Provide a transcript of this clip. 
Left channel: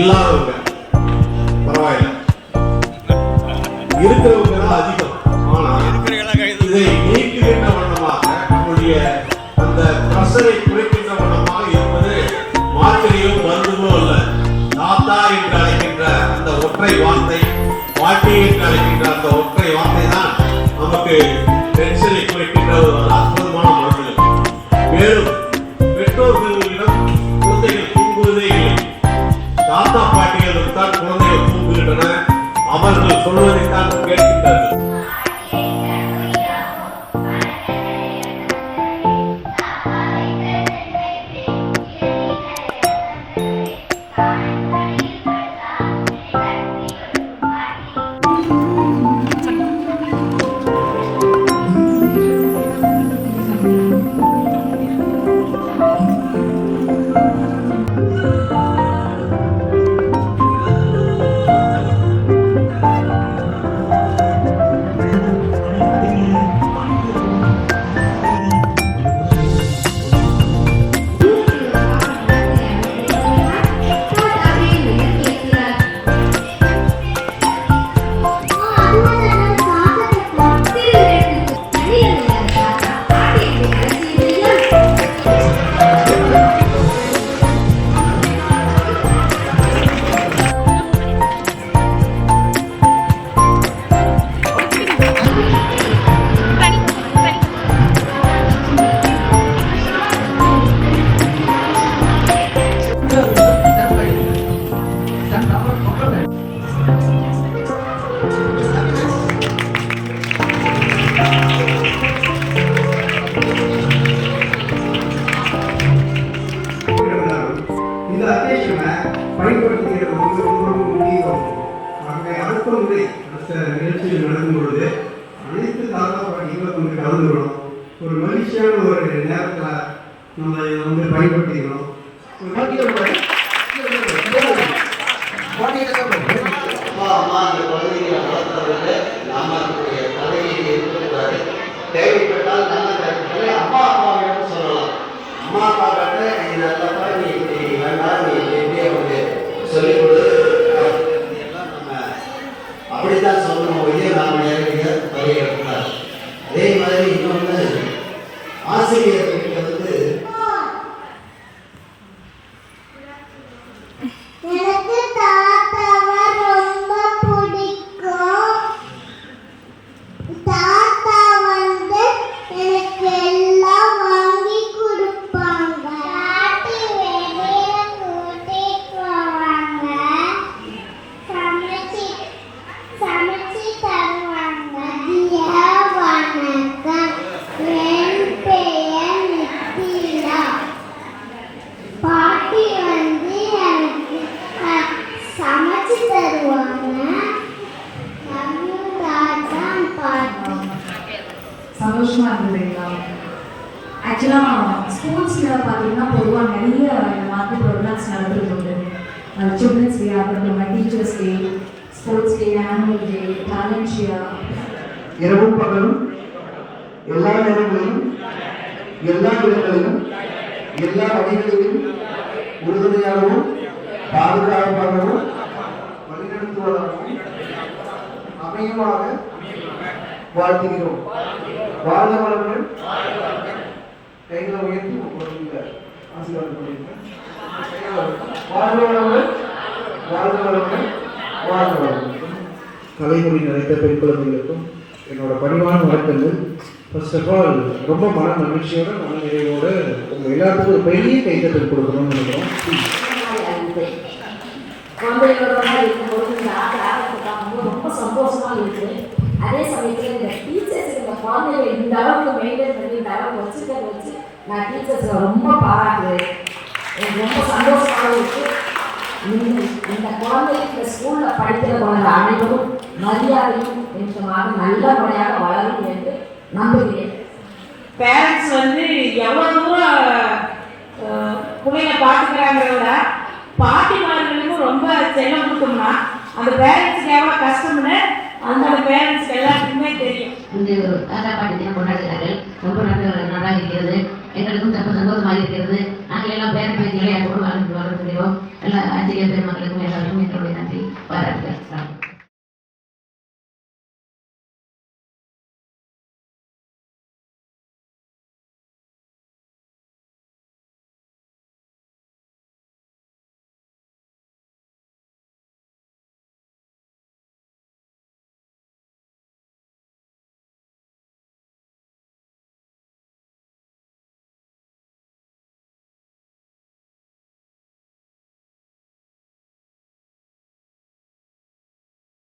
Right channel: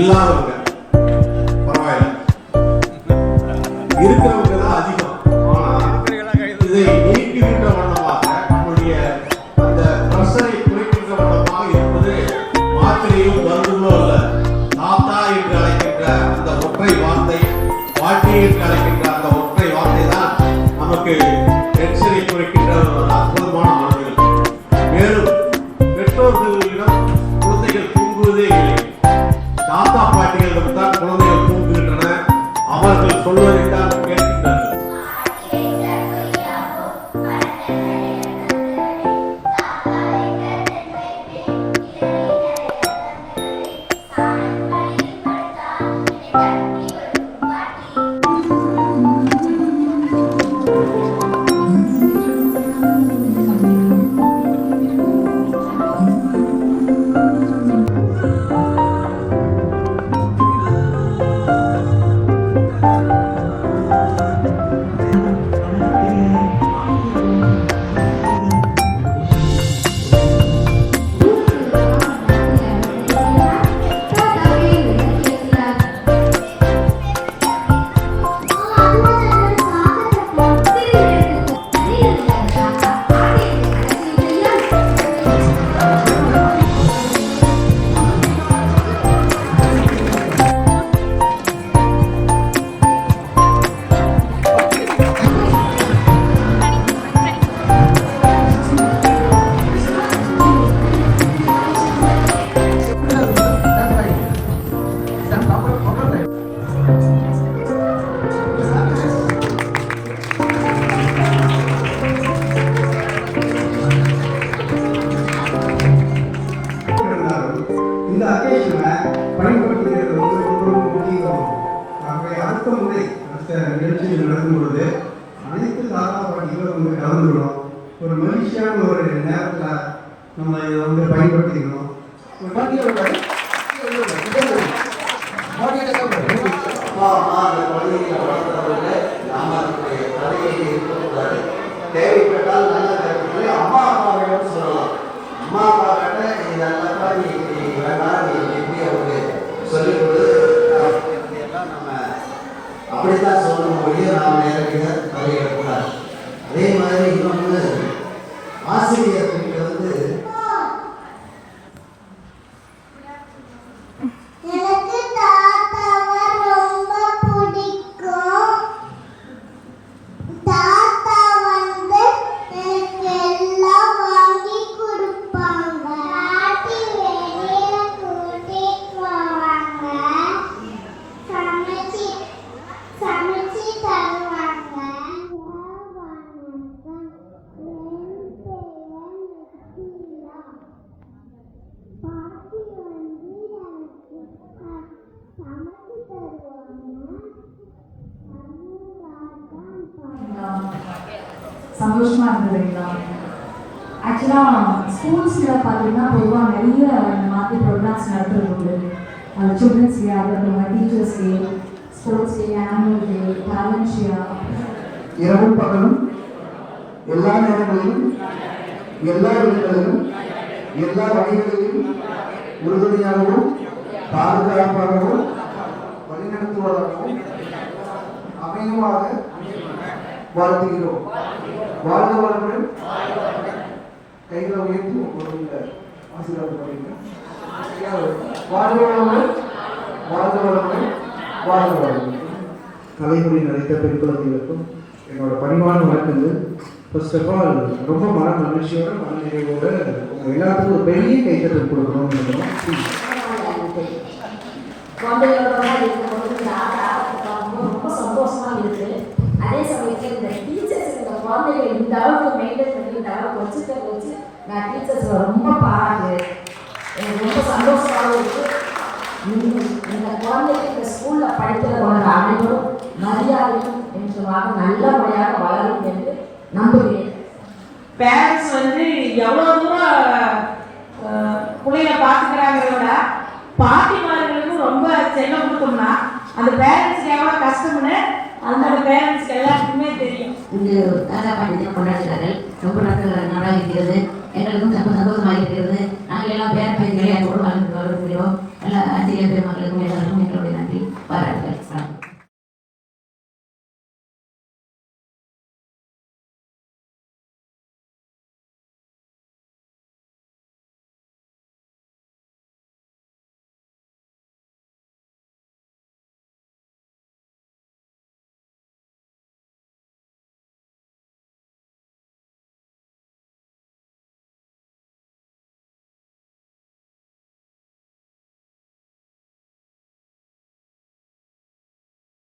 இல்லாதவங்க பரவாயில்ல, இருக்கிறவங்க தான் அதிகம். ஆனா இதை நீக்குகின்ற வண்ணமாக நம்முடைய அந்த பிரஷரை குறைக்கின்ற வண்ணமாக இருப்பது மாத்திரையும் மருந்துகளோ அல்ல, தாத்தா என்று அழைக்கின்ற அந்த ஒற்றை வார்த்தை, வாழ்க்கை என்று அழைக்கின்ற அந்த ஒற்றை வார்த்தை தான் நமக்கு டென்ஷனை குறைக்கின்ற ஒரு அற்புதமான மருந்து. மேலும் பெற்றோர்களிடம் குழந்தைகள் தூங்குவதே இல்லை, தாத்தா பாட்டிகளிடம் தான் குழந்தைகள் தூங்குகின்றன. அவர்கள் சொல்வதைத்தான் கேட்கின்றனர். இந்த அக்கேஷனை பயன்படுத்துகிறது முக்கியம். ஆகவே அடுத்த முறை அடுத்த நிகழ்ச்சியில் நடக்கும் பொழுது அனைத்து தாத்தா பாட்டிகளும் வந்து கலந்துக்கணும். ஒரு மகிழ்ச்சியான ஒரு நேரத்தில் நம்ம இதை வந்து பயன்படுத்திக்கணும். தேவைப்பட்டால் நல்ல நேரத்தில் அம்மா அப்பாவிடம் சொல்லலாம். அம்மா அப்பா கிட்ட இதெல்லாம் நீ வேண்டாம், நீ எப்படியே வந்து சொல்லிக் கொடு எல்லாம் நம்ம அப்படித்தான் சொல்லணும். ஒழிய நாம் நேரடியாக தலையிடக்கூடாது. அதே மாதிரி இன்னொன்று, ஆசிரியர்களுக்கு வந்து சந்தோஷமா இருந்ததுங்களா? ஆக்சுவலாக ஸ்கூல்ஸில் பார்த்தீங்கன்னா பொதுவாக நிறைய இந்த மாதிரி ப்ரோக்ராம்ஸ் நடத்துறது உண்டு. சில்ட்ரன்ஸ் டே ஆகட்டும், teachers day, sports day, annual day, talent shear. இரவும் பகலும் எல்லா நேரங்களிலும் எல்லா இடங்களிலும் எல்லா வகைகளிலும் உறுதுணையாகவும் பாதுகாப்பாகவும் வழிநடத்துவதாகவும் அமையுமாக வாழ்த்துகிறோம். வாழ்க வளமுடன். கைகளை உயர்த்தி ஒரு ஆசீர்வாதம் பண்ணிருக்கேன். வாழ்க வளமுடன், வாழ்க வளமுடன், வாழ்க வளமுடன். தலைமுறை நினைத்த பெண் குழந்தைகளுக்கும் என்னோட பணிவான வணக்கங்கள். ஃபர்ஸ்ட் ஆஃப் ஆல் ரொம்ப மன மகிழ்ச்சியோட மன நிறைவோட உங்கள் எல்லாத்துக்கும் ஒரு பெரிய கைத்தட்டல் கொடுக்கணும்னு நினைக்கிறோம். ரொம்ப சந்தோஷமா இருக்கு. அதே சமயத்தில் இந்த டீச்சர்ஸ் இந்த குழந்தைங்க இந்த அளவுக்கு மெயின்டைன் பண்ணி இந்த அளவுக்கு வச்சு நான் டீச்சர்ஸ் ரொம்ப பாராட்டுறேன். எனக்கு ரொம்ப சந்தோஷமாக இருக்கு. இந்த குழந்தைங்க இந்த ஸ்கூலில் படிக்கிற குழந்தை அனைவரும் மரியாதையும் என்றுமாக நல்லபடியாக வளரும் என்று நம்புகிறேன். பேரண்ட்ஸ் வந்து எவ்வளோ தூரம் பிள்ளைகளை பார்த்துக்கிறாங்கிறத பாட்டிமார்களுக்கும் ரொம்ப செல்லம் கொடுத்தோம்னா அந்த பேரண்ட்ஸுக்கு எவ்வளோ கஷ்டம்னு அந்த பேரண்ட்ஸ்க்கு எல்லாருக்குமே தெரியும். இந்த தாத்தா பாட்டி தினம் கொண்டாடுகிறார்கள் ரொம்ப நன்றாக இருக்கிறது.